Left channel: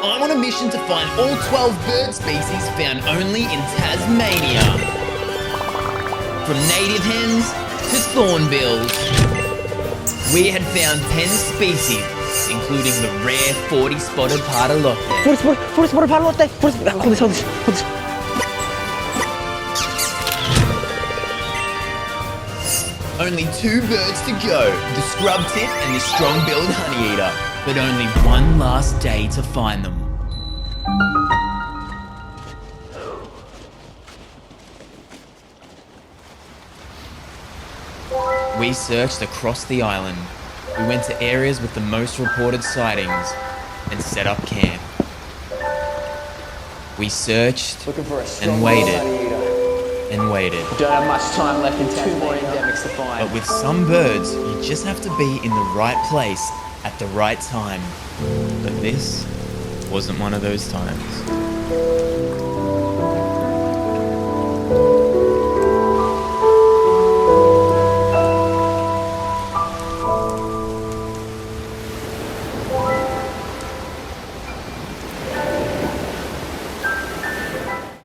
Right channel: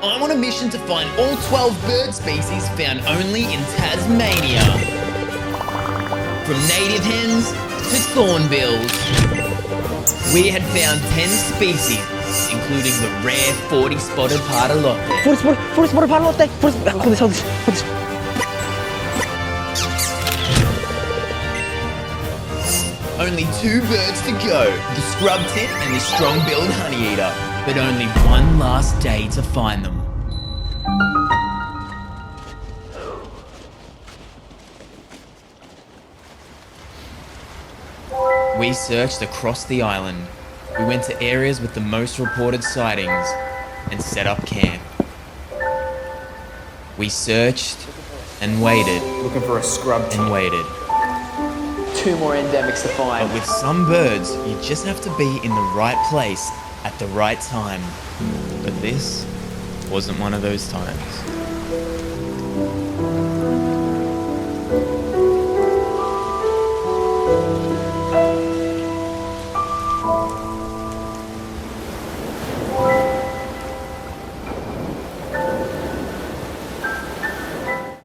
I'm on a mission to find all 12 bird species found only in Tasmania. From native hens to thornbills. We had found 10 species, including the rare 40-spotted pardalote. 40 pardalote. Hold this. Only 2 birds to go, the scrub tit and the strong-billed honeyeater, but only one last day to find them. We searched across the island. We went to areas with the most reported sightings and set up camp. We searched and waited and waited. Don't have much time left and 2 more endemics to find. But with some birds, you just have to be in the right place at the right time. But this wasn't one of those times.